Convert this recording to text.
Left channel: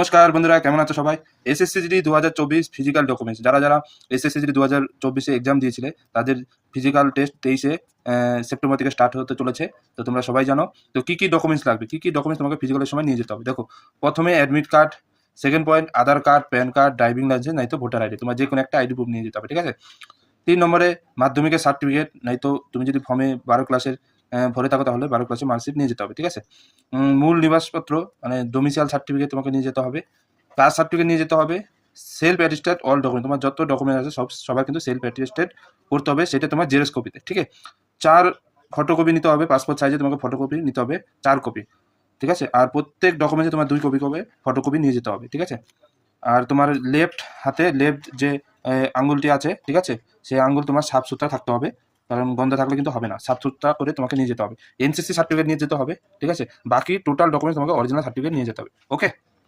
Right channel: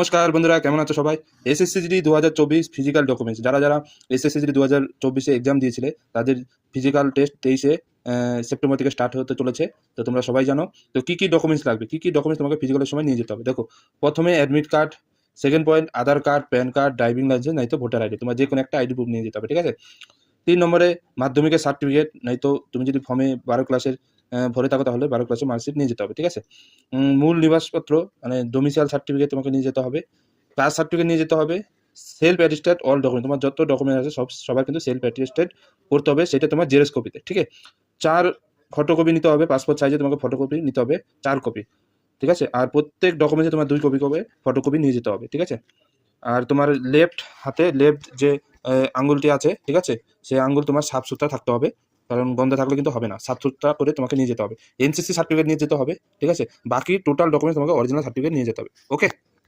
নমস্কার বন্ধুরা, কেমন আছো সবাই? এসএসসি জিডি 2024 ফিজিক্যাল ডকুমেন্টস, যারা যারা এসএসসি জিডি 2024-এ এক্সাম দিয়েছিলে তাদের ফিজিক্যাল টেস্ট 23-এ সেপ্টেম্বর থেকে স্টার্ট হতে চলেছে। তো তোমরা সবাই জানো তো কি কি ডকুমেন্টস লাগবে, কি কি ডকুমেন্টস তোমাকে ফিজিক্যালের সময় নিয়ে যেতে হবে। দেখো, প্রথমে admit card, second point Aadhaar card, PAN card, driving licence, নয়তো ভোটার আইডি, তোমার যে কোনো একটা আইডি প্রুফ নিয়ে যেতে হবে, ঠিক আছে। 3 নম্বরে মাধ্যমিকের সার্টিফিকেট, নয়তো তুমি যদি ফর্মে 12 ক্লাসের ভরে থাকো তাহলে 12 ক্লাসের মার্কশিট নিয়ে যেতে হবে, ঠিক আছে। মূল নিবাসপত্র মানে ডোমিসাইল সার্টিফিকেট তোমাকে নিয়ে যেতে হবে, কাস্ট সার্টিফিকেট নিয়ে যেতে হবে, সেলফ অ্যাটেস্টেড অল ডকুমেন্ট, তোমার যত ডকুমেন্ট আছে সবার কিন্তু সেলফ অ্যাটেস্টেড করতে হবে, সেটা তোমার জেরক্স কপিতে, ঠিক আছে। 4 ফটোকপি নিতে হবে, পাসপোর্ট সাইজে তোমাকে ফটোকপি নিতে হবে 4 কপি, ঠিক আছে। আর প্রত্যেক ডকুমেন্টে তোমার 2 কপি করে ফটোকপি নিয়ে যেতে হবে, ঠিক আছে। আর তোমার লেফট হাতে লেফট যে আঙ্গুলটি আছে, ঠিক আছে, সেই আঙ্গুল তোমার সাফ সুতরা থাকতে হবে, কারণ বন্ধ থাকলে কিন্তু হবে না, সাফ সুতরা করে তোমাকে নিয়ে যেতে হবে। এনসিসি সার্টিফিকেট নিয়ে যেতে হবে, ঠিক আছে। বাকি টোটাল ডকুমেন্ট তোমাকে অরিজিনাল সার্টিফিকেট নিয়ে যেতে হবে, ওকে।